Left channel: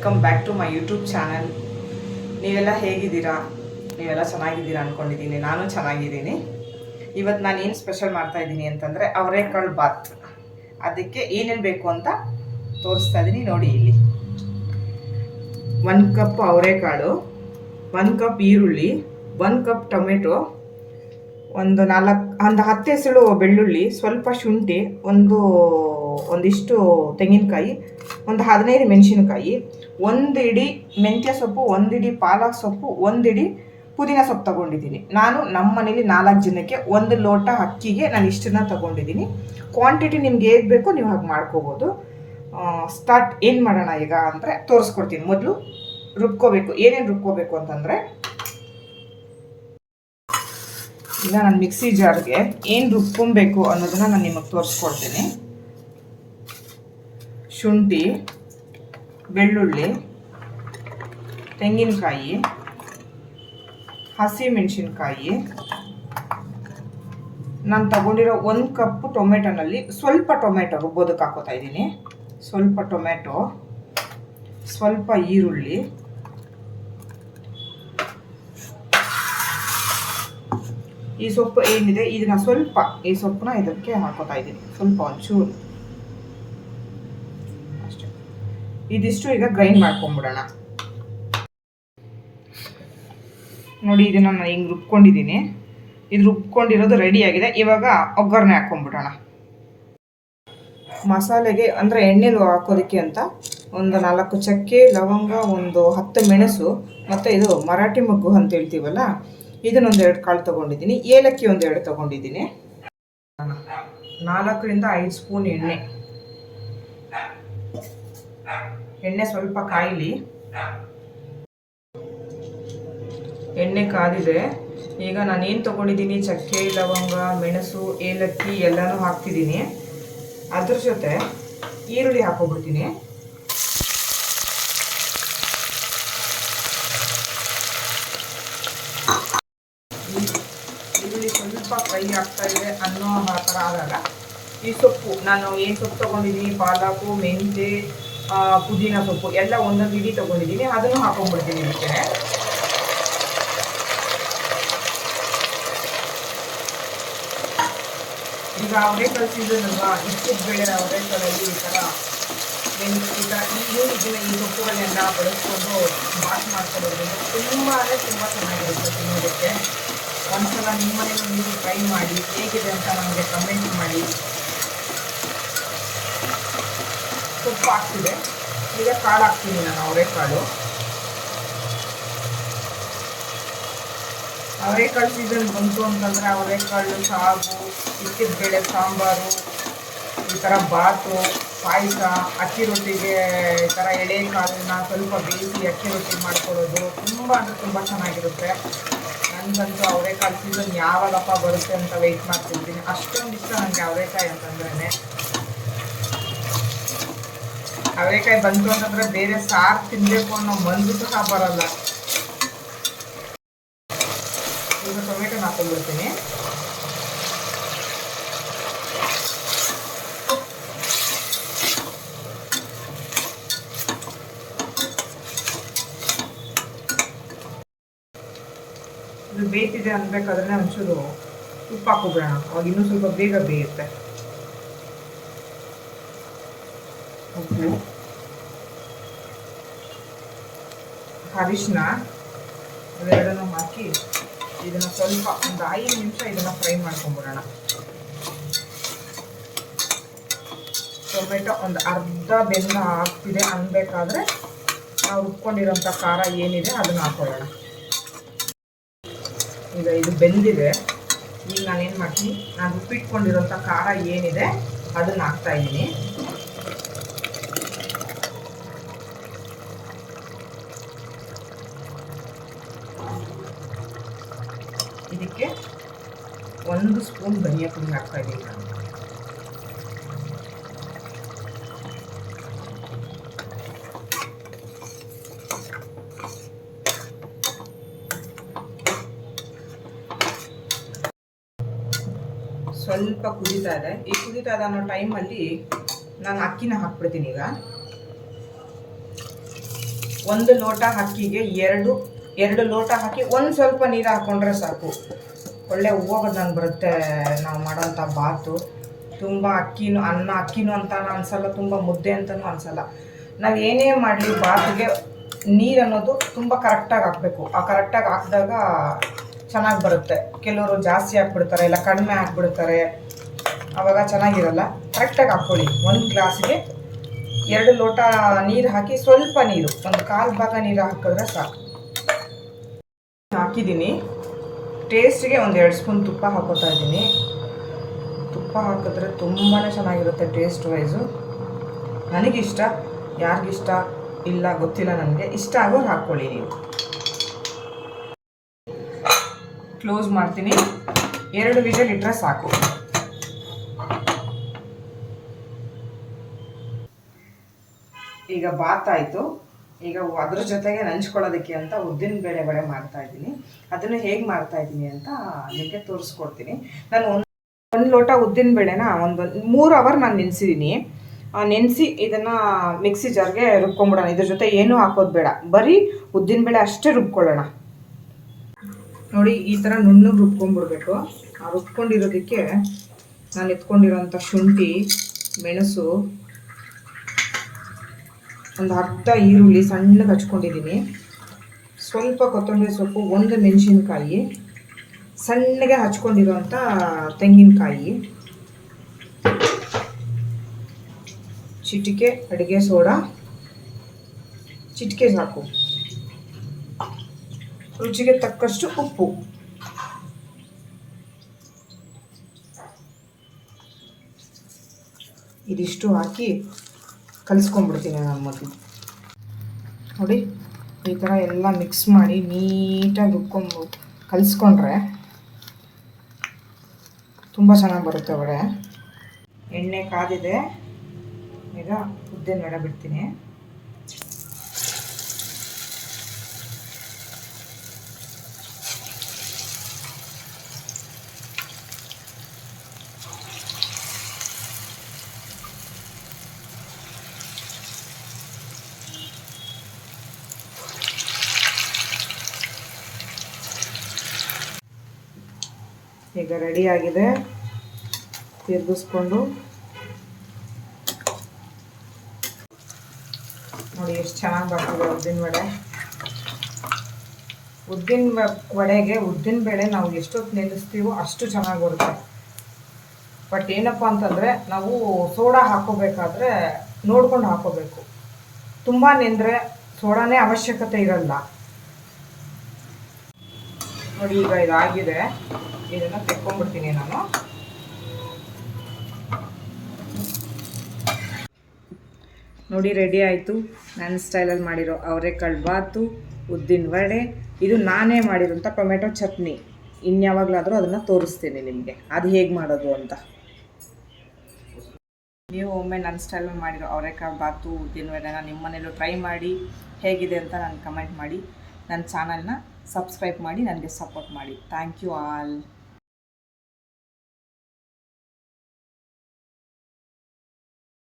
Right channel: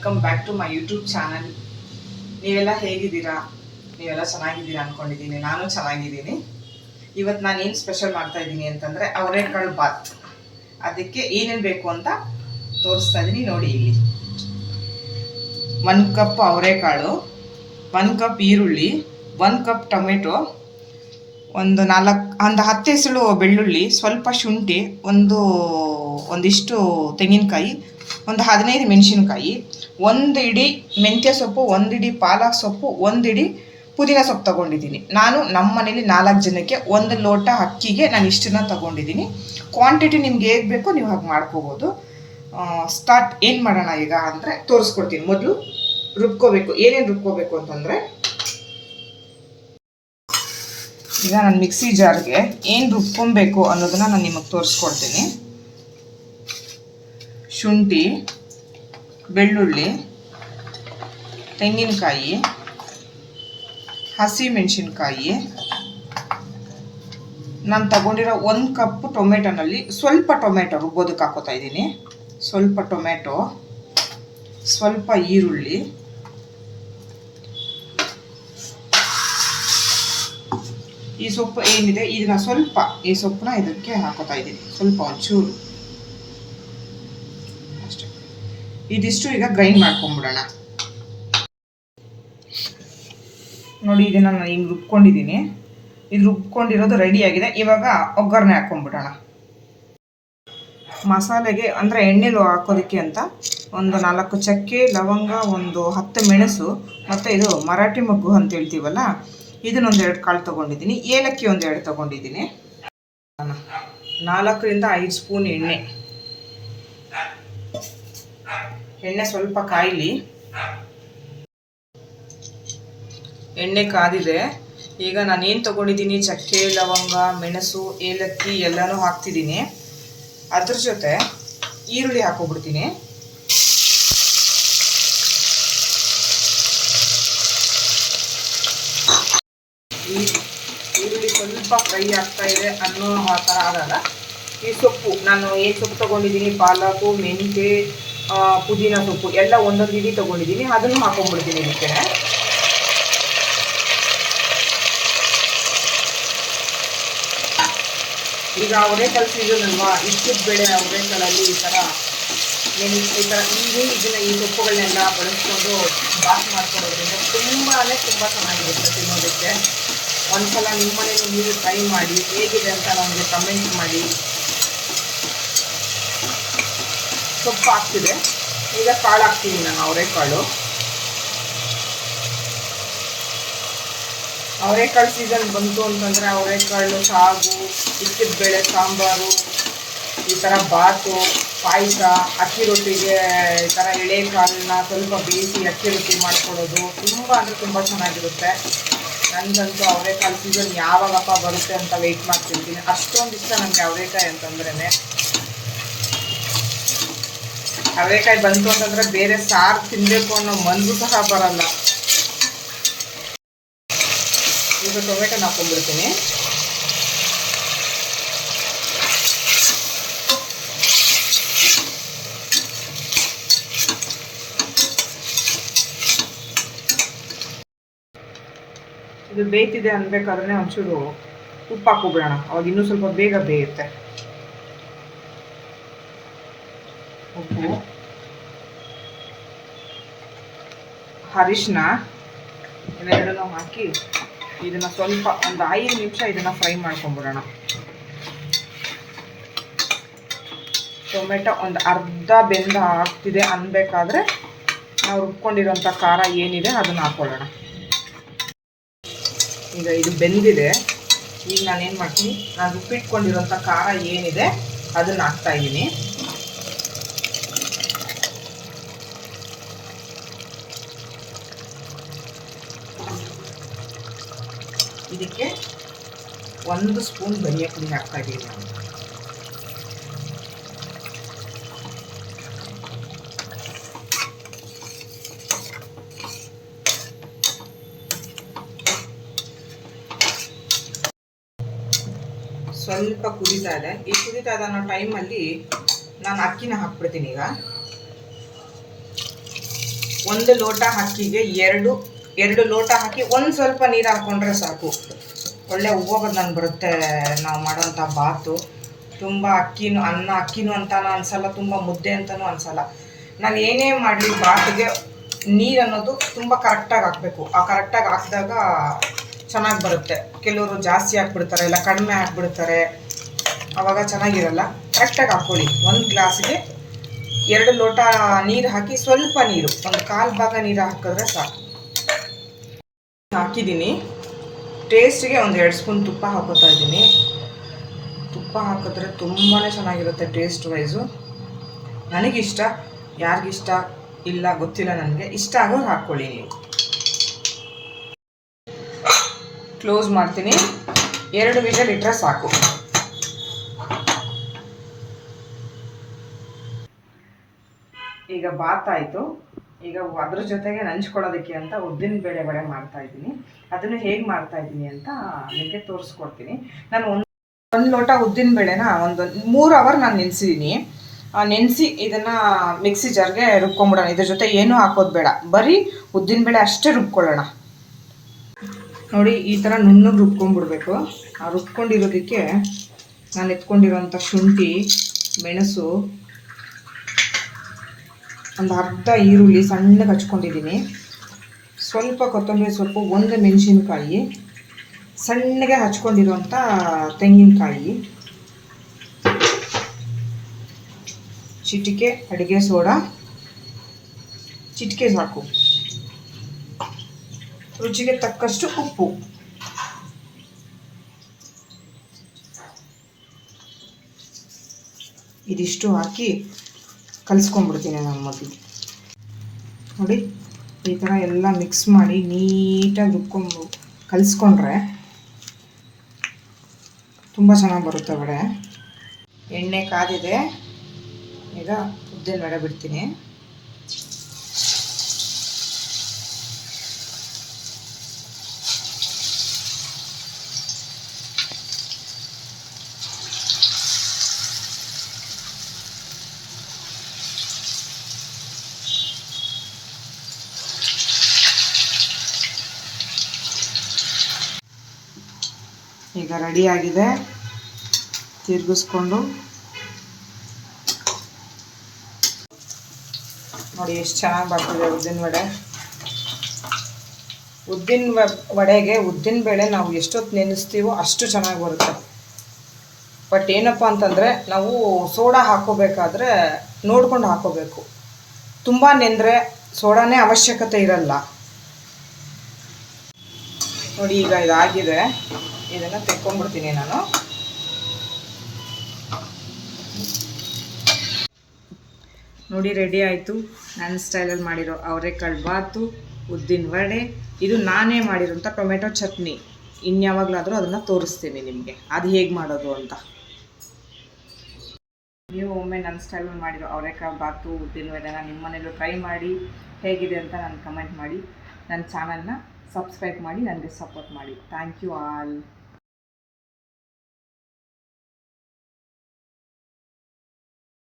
Welcome back to my YouTube channel. ನೀವೆಲ್ಲ ಹೇಗಿದ್ದೀರಾ? ನೀವೆಲ್ಲ ಚೆನ್ನಾಗಿದ್ದೀರಾ ಅಂದ್ಕೊಂಡಿದ್ದೀನಿ. ನಾನು ಚೆನ್ನಾಗಿದ್ದೀನಿ. ಇವತ್ತು ನಾನು ಏನು ಸ್ಪೆಷಲ್ ಮಾಡ್ತಾ ಇದ್ದೀನಿ ಅಂತಂದರೆ ಅವರೆಕಾಳು ಬಾತ್. ಅದಕ್ಕೆ ಏನೇನು ಬೇಕು ಅಂತ ತೋರಿಸ್ತಾ ಇದ್ದೀನಿ ನೋಡಿ. ಇಲ್ಲಿ 1 ಕಪ್ ಅವರೆಕಾಳು, 1 ಕಪ್ ಈರುಳ್ಳಿ, 1 ಕಪ್ ಟೊಮೆಟೊ, ಒಂದು 10 ಎಸಳು ಬೆಳ್ಳುಳ್ಳಿ, ಸ್ವಲ್ಪ ಶುಂಠಿ, ಒಂದಿಷ್ಟು ತೆಂಗಿನಕಾಯಿ, ಒಂದು 15 ಮೆಣಸಿನ್ಕಾಯಿ, 1 ಇಡಿ ಮೆಂತ್ಯ ಸೊಪ್ಪು, 1 ಇಡಿ ಪಾಲಕ್ ಸೊಪ್ಪು, 1 ಇಡಿ ಪುದೀನ ಸೊಪ್ಪು ತೊಗೊಂಡಿದ್ದೀನಿ. ನಾನು ನಮ್ಮ ಮನೇಲಿ 4 ಜನಕ್ಕೆ 1 ಲೋಟ ಅಕ್ಕಿಗೆ ನಾನು ಇಷ್ಟನ್ನ ತೊಗೊಂಡಿದ್ದೀನಿ. ಕ್ವಾಂಟಿಟಿ ನಿಮ್ಗೆ ಹೇಗೆ ಬೇಕೋ ನೀವು ಹಾಗೆ ಮಾಡ್ಕೋಬೋದು. ಸ್ಟಾರ್ಟ್ ಏನು ಮಾಡೋಣ ಈಗ ಅಂದರೆ ತೋರಿಸ್ಕೊಡ್ತೀನಿ. ಮೊದಲು ರುಬ್ಕೋಬೇಕು. ಏನೇನು ರುಬ್ಕೋಬೇಕು ಅಂತಂದರೆ, ಈಗ ನಾನು ಮಿಕ್ಸಿ ಜಾರ್ಗೆ ಏನು ರುಬ್ಕೊಬೇಕು ಅನ್ನೋದನ್ನು ನಾನು ನಿಮಗೆ ತೋರಿಸ್ಕೊಡ್ತೀನಿ. ಶುಂಠಿ, ಬೆಳ್ಳುಳ್ಳಿ, ತೆಂಗಿನಕಾಯಿ, ಹಸಿ ಮೆಣಸಿನ್ಕಾಯಿ, ನಾನು ತಗೊಂಡಿರೋ 1 ಕಪ್ ಟೊಮೆಟೊನಲ್ಲಿ ಸ್ವಲ್ಪ ಟೊಮೆಟೊ ರುಬ್ಬೋದಕ್ಕೆ ಹಾಕೋತಾ ಇದ್ದೀನಿ. ಸ್ವಲ್ಪ ಟೊಮೆಟೊ, ಸ್ವಲ್ಪ ಈರುಳ್ಳಿ, ಈ ಸೊಪ್ಪು ಏನಿದೆ ಇದನ್ನ ಸ್ವಲ್ಪ ಈ ಸೊಪ್ಪನ್ನ ಇದಕ್ಕೆ ಹಾಕೋತಾ ಇದ್ದೀನಿ. ಸ್ವಲ್ಪ ಒಂಚೂರು ಅಷ್ಟೇ. ಇದಿಷ್ಟು ಈಗ ಗ್ರೈಂಡ್ ಮಾಡ್ಕೊಂಡ್ಬಿಡೋಣ. ನೋಡಿ, ಇದನ್ನು ನಾನು ಹಿಂಗೆ ರುಬ್ಕೊಂಡಿದ್ದೀನಿ. ಇದು ರುಬ್ಕೊಂಡಿರೋದು ರೆಡಿ ಆಗಿದೆ. ಇವಾಗ ಒಗ್ಗರಣೆ ಹಾಕೊಂಡ್ಬಿಡೋಣ. ಮಸಾಲೆಗೆ ಅಂದರೆ ಎಣ್ಣೆಲು ಹಾಕೋದಕ್ಕೆ ಅಂತ ಒಂದು 4 ಚಕ್ಕೆ, ಲವಂಗ, ಒಂದು 10 ಮೆಣಸು, ಮತ್ತು ಇದು ಮರಾಠಿ ಮೊಗ್ಗು ಅಂತ ಹೇಳ್ತೀವಲ್ಲ, ಇದನ್ನೊಂದು 2 ಕಾಳು ತೊಗೊಂಡಿದ್ದೀನಿ. ಏಲಕ್ಕಿ ಒಂದು 2 ತೊಗೊಂಡಿದ್ದೀನಿ. 4 ರಿಂದ 5 ಸ್ಪೂನ್ ಎಣ್ಣೆ ಸ್ವಲ್ಪ ಕಾಯಿಲಿ. ಎಣ್ಣೆ ಕಾದಿದೆ. ಈಗ ನಾನು ಏನು ತೊಗೊಂಡಿದ್ದೀನಿ, ಚಕ್ಕೆ, ಲವಂಗ, ಮೆಣಸು, ಏಲಕ್ಕಿ ಎಲ್ಲನೂ ಹಾಕ್ತಿದ್ದೀನಿ. ಅದ್ರ ಜೊತೆ ಈರುಳ್ಳಿ ಹಾಕೋಬಿಡ್ತೀನಿ. ಈರುಳ್ಳಿ ಸ್ವಲ್ಪ ಫ್ರೈ ಆಗ್ತಾ ಇದೆ ಅನ್ನೋ ಥರ ಆದಾಗ ಈ ಸೊಪ್ಪು, ನಾನು ಏನು ಸೊಪ್ಪು ತೊಗೊಂಡಿದ್ದೀನಿ, ಪಾಲಕು, ಮೆಂತ್ಯ, ಪುದೀನ ಸೊಪ್ಪು ಎಲ್ಲ 1 ಇಡಿ ತೊಗೊಂಡಿದ್ದೀನಿ. ಅದನ್ನು ಹಾಕೊಂಡ್ಬಿಡ್ತೀನಿ ಇದಕ್ಕೆ. ಈಗ ಅವರೆಕಾಳು ಸೀಸನ್ ಅಲ್ವಾ, ಇಷ್ಟದ ಬೇಳೆ ಅವರೆಕಾಳಲ್ಲಿ ಈ ಥರ ಈ ಸೊಪ್ಪುಗಳನ್ನೆಲ್ಲ ಬಳಸ್ಕೊಂಡು ಬಾತ್ ಮಾಡ್ಕೊಳ್ಳೋದ್ರಿಂದ ತುಂಬ ಚೆನ್ನಾಗಿರುತ್ತೆ ತಿನ್ನೋದಕ್ಕೆ. ಒಂದ್ಸಲ ನಿಮ್ಮ ಮನೇಲಿ ನೀವು ಟ್ರೈ ಮಾಡಿ, ಹೇಗಿದೆ ಅಂತ ನಮಗೆ ಕಮೆಂಟ್ ಮಾಡಿ. ಸೊಪ್ಪು ಹಾಕ್ತಿದೆ. ಈಗ ಕಾಳು ಹಾಕ್ತೀನಿ ನಾನು. ಅವರೆಕಾಳು ಸೀಸನ್ ಬಂತು ಅಂತಂದರೆ ಅವರೆಕಾಳು ಸಾಗು, ಇಕ್ಕಿದ ಬೇಳೆ ಸಾಂಬಾರು, ಈ ಥರ ಬಾತು, ಪಾಯಸ, ಅಕ್ಕಿ ರೊಟ್ಟಿಗೆ ಈ ಥರ ಎಳೆ ಕಾಳನ್ನ ಸ್ವಲ್ಪ ಬೇಯಿಸಿ ಅಕ್ಕಿ ರೊಟ್ಟಿ ಮಾಡ್ಕೊಳ್ಳೋದು ತುಂಬ ಚೆನ್ನಾಗಿರುತ್ತೆ. ನನಗಂತೂ ಅವರೆಕಾಳು ಸೀಸನ್ ಯಾವಾಗಪ್ಪ ಬರುತ್ತೆ ಅಂತ ವೆಯ್ಟ್ ಮಾಡ್ತಿರ್ತೀನಿ. ಅಷ್ಟೊಂದು ಇಷ್ಟ ನನಗೆ ಅವರೆಕಾಯಿ ಅಂತಂದ್ರೇ. ಅವರೆಕಾಯಿ ಬಂತು ಅಂತಂದರೆ ಬೇರೆ ಸಾರು ತಿನ್ನಬೇಕು ಅನ್ನೋ ಮನಸ್ಸು ಸಹ ಬರಲ್ಲ. ಈಗ ಟೊಮೆಟೊನ ಹಾಕೊಂಡ್ಬಿಡ್ತೀನಿ. ಇದು ಬೇಯ್ತಿದೆ ಅನ್ಬೇಕಾದ್ರೆ ಒಂಚೂರು ಉಪ್ಪು ಹಾಕೋಬಿಡೋಣ. ಅವಾಗ ಇನ್ನೂ ಸ್ವಲ್ಪ ಬೇಗ ಬೇಯುತ್ತೆ. ಉಪ್ಪು, ಅರಿಶಿನ ಇವೆರಡನ್ನೂ ಹಾಕಿ ಇದನ್ನು ಸ್ವಲ್ಪ ಒಂದು 5 ನಿಮಿಷ ಇದನ್ನು ಫ್ರೈ ಮಾಡ್ಕೊಂಡ್ಬಿಡೋಣ. ಟೊಮೆಟೊ ಒಂದು ಅರ್ಧ ಬೆಂದ ಆಗ್ತಿದೆ ಅನ್ಬೇಕಾದ್ರೆ ನಾವು ರುಬ್ಕೊಂಡಿರೋಂಥ ಖಾರ ಏನಿದೆ ಅದನ್ನು ಹಾಕೊಳ್ಳೋಣ. ಈಗ ಇದು ಬೆಂದಿದೆ. ಈಗ ನಾನೇನು ಮಾಡ್ತೀನಿ, ನಾನು ರುಬ್ಬಿಟ್ಕೊಂಡಿರೋಂಥ ಖಾರ ಏನಿದೆ ಅದನ್ನು ಹಾಕ್ತಾಯಿದ್ದೀನಿ. ಇದಕ್ಕೆ 1 ಸ್ಪೂನ್ ಧನಿಯಾ ಪುಡಿ ಹಾಕ್ತಾಯಿದ್ದೀನಿ ನಾನು. ಸ್ವಲ್ಪ ಕುದೀತಾ ಇದೆ. ಈ ಕುದೀತಾ ಇದೆ ಅನ್ನೋ ಟೈಮಲ್ಲಿ ನಾನು ಅಕ್ಕಿನ ಹಾಕ್ಬಿಡ್ತೀನಿ. ಈಗ ಒಂದು ಲೋಟ ಅಕ್ಕಿಗೆ ಎರಡು ಲೋಟ ಹಾಕಿ ಒಂದು ಸ್ವಲ್ಪ ನೀರು ಹಾಕ್ಕೊಂಡ್ರೆ ಸಾಕು. ಒಳ್ಳೆ ಉಬ್ಬ ನಂಗೆ ಬರುತ್ತೆ ನಾವು ಮಾಡೋಂಥ ಬಾತು. ತುಂಬ ಅಕ್ಕಿನೂ ಅಂತಾನು ಅನಿಸಲ್ಲ, ತುಂಬ ಮುದ್ದೆ ಅಂತಲೂ ಅನಿಸಲ್ಲ. ನಾವು ಏನೇ ಮಾಡಲಿ ಬಾತಿಗೆ ನೀರು ಅನ್ನೋದು ತುಂಬ ಕರೆಕ್ಟಾಗಿ ಹಾಕಬೇಕು. ಆ ಕರೆಕ್ಟಾಗಿ ಹಾಕಿದಾಗ ಚೆನ್ನಾಗಿ ಬರುತ್ತೆ. ಕೆಲವರು ಜಾಸ್ತಿ ಹಾಕ್ಬಿಡ್ತಾರೆ, ಇಲ್ಲ ಕಡಿಮೆ ಹಾಕ್ಬಿಡ್ತಾರೆ, ಆವಾಗ ಚೆನ್ನಾಗಿರಲ್ಲ. ಕರೆಕ್ಟಾಗಿ ಹಾಕ್ಕೊಳ್ಳಿ. ಒಂದು ಗ್ಲಾಸ್ಗೆ 2 ಲೋಟ ನೀರು ಹಾಕಿ ಸ್ವಲ್ಪ ನೀರು, ಒಂದು 1/4 ಭಾಗ ನೀರು ಹಾಕಿದ್ರೆ ಸಾಕು. ಹಾಕಿದ್ದೀನಿ. ಟೇಸ್ಟಿಗೆ ಒಂದು 2 ಸ್ಪೂನ್ ತುಪ್ಪ ಹಾಕೋತಾ ಇದ್ದೀನಿ. ತುಪ್ಪ ಹಾಕಿದ್ರೆ ತುಂಬಾ ಚೆನ್ನಾಗಿರುತ್ತೆ ಟೇಸ್ಟ್ ವೈಸು. ನನಗಿಷ್ಟ, ಯಾರಿಗಿಷ್ಟ ಇಲ್ಲ ಗೊತ್ತಿಲ್ಲ, ನನಗೆ ಇಷ್ಟ ಆಗೋದು ಹಾಕ್ಕೊಳ್ಳಿ ನೀವು. ಕ್ಲೋಸ್ ಮಾಡ್ತೀನಿ. 2 ವಿಷಲ್ ಇಟ್ಟರೆ ಸಾಕು. ಈಗ ಬಾತಾಯಿತು. ಈಗ ಅದ್ರ ಜೊತೆಗೆ ನಂಚ್ಕೊಳ್ಳೋದಕ್ಕೆ ಅಂತ ಉದ್ದಿನ ಬೇಳೆ ವಡೆ ಮಾಡ್ತಾಯಿದ್ದೀನಿ. ಅದನ್ನು ಹೇಗೆ ಮಾಡ್ತಾಯಿದ್ದೀನಿ ಅಂತ ನಿಮಗೆ ತೋರಿಸ್ಕೊಡ್ತೀನಿ. ನಾನು ಒಂದು ಲೋಟ ಉದ್ದಿನ ಬೇಳೆನ ಒಂದು 3 ಅವರ್ ನಾನು ನೆನೆಸಿದ್ದೀನಿ. ನೆನೆಸಿ ಇದನ್ನು ಮಿಕ್ಸಿ ಜಾರ್ಗೆ ರುಬ್ಕೊಂಬಿಡೋಣ. ಇದ್ರ ಜೊತೆ ಏನೂ ಹಾಕೋದು ಬೇಡ, ಬರೀ ಉದ್ದಿನ ಬೇಳೆ ಅಷ್ಟೇ ರುಬ್ಕೊಳ್ಳೋಣ. ನೋಡಿ, ಈ ಥರ ನುಣ್ಣಗೆ ರುಬ್ಕೊಂಡ್ಬಿಡ್ಬೇಕು. ಆ ರುಬ್ಕೊಂಡಿರೋದಕ್ಕೆ ನಾನು ಎತ್ಕೊಂಡಿರೋಂಥ ಶುಂಠಿ, ಮೆಣಸು, ಒಂದು ಅರ್ಧ ಈರುಳ್ಳಿ ಸಣ್ಣಗೆ ಹಚ್ಕೊಂಡಿದ್ದೀನಿ, ಸ್ವಲ್ಪ ಕೊತ್ತಂಬರಿ ಸೊಪ್ಪು, 1 ಮೆಣಸಿನ್ಕಾಯಿ, ಸಣ್ಣಗೆ ಹಚ್ಕೊಂಡಿರೋಂಥ ತೆಂಗಿನಕಾಯಿ, ಚಿಟಿಕೆ ಅಡುಗೆ ಸೋಡಾ, ಚಿಟಿಕೆ ಸಾಕು, ರುಚಿಗೆ ತಕ್ಕಷ್ಟು ಉಪ್ಪು. ಇದಿಷ್ಟು ಹಾಕಿ ಕಲಿಸ್ಕೊಂಡ್ಬಿಡ್ತೀನಿ ನಾನು ಮೊದಲು. ನೋಡಿ, ಈ ಥರ ಎಲ್ಲ ಮಿಕ್ಸ್ ಮಾಡಿ ನೀಟಾಗಿ ಕಲಿಸ್ಕೊಂಡ್ರೆ ತುಂಬ ಚೆನ್ನಾಗಿ ಬರುತ್ತೆ ವಡೆ. ಎಣ್ಣೆ ಕಾದಿದೆ. ಈಗ ಉದ್ದಿನ ವಡೆ ಬಿಡ್ತೀನಿ. ಈಗ ರೆಡಿಯಾಗಿದೆ. ತಿರುಗಿಸ್ಕೊಂಡು ನೋಡಿ ಎಷ್ಟು ಚೆನ್ನಾಗಿ ಬರ್ತದೆ ಉದ್ದಿನ ವಡೆ. ಉದ್ದಿನ ವಡೆಗೆ ಉದ್ದಿನ ಬೇಳೆ ನಾವು ಎಷ್ಟೊತ್ತು ನೆನೆಸ್ತೀವೋ ಅಷ್ಟು ಚೆನ್ನಾಗಿ ಬರುತ್ತೆ. ಬಟ್ ಏನಪ್ಪ ಅಂತಂದರೆ ನಾವು ಸೋಡಾ ಹಾಕೋಬೇಕಾದ್ರೆ ನೋಡ್ಕೊಂಡು ಹಾಕೋಬೇಕು. ತುಂಬ ನೆಂದರೆ ಸೋಡಾನೇ ಅವಶ್ಯಕತೆ ಇರಲ್ಲ. ನೋಡಿ, ಈಗ ಇದಾಗಿದೆ. ಇದನ್ನು ತೆಕ್ಕೊಂಡ್ಬಿಡ್ತೀನಿ ನಾನು. ನೋಡಿ, ರೆಡಿ ಆಯಿತು. ನನ್ನ ಸ್ಟೈಲಲ್ಲಿ ಮಾಡಿರೋ ಅವರೆಕಾಳು ಬಾತು, ಉದ್ದಿನ ವಡೆ. ಇದು ನಾನೇ ಮಾಡಿರೋಂಥ ಟೊಮೆಟೊ ಚಟ್ನಿ. ಇನ್ಯಾವಾಗಲಾದರೂ ಅದನ್ನು ತೋರಿಸ್ತೀನಿ ನಿಮಗೆ, ಅದು ಹೇಗೆ ಮಾಡೋದು ಅಂತ. ನೀವು ಒಮ್ಮೆ ನನ್ನ ಸ್ಟೈಲಲ್ಲಿ ಮಾಡಿರೋ ಅವರೆಕಾಳು ಬಾತು, ಉದ್ದಿನ ವಡೆನ ನಿಮ್ಮ ಮನೇಲೂ ಟ್ರೈ ಮಾಡಿ. ಹೇಗಿದೆ ಅಂತ ನನಗೆ ಕಮೆಂಟ್ ಮಾಡಿ. ನನ್ನ ಚಾನಲ್ನ ಸಬ್ಸ್ಕ್ರೈಬ್ ಮಾಡಿ, ನನಗೆ ಸಪೋರ್ಟ್ ಮಾಡಿ. Thank you all.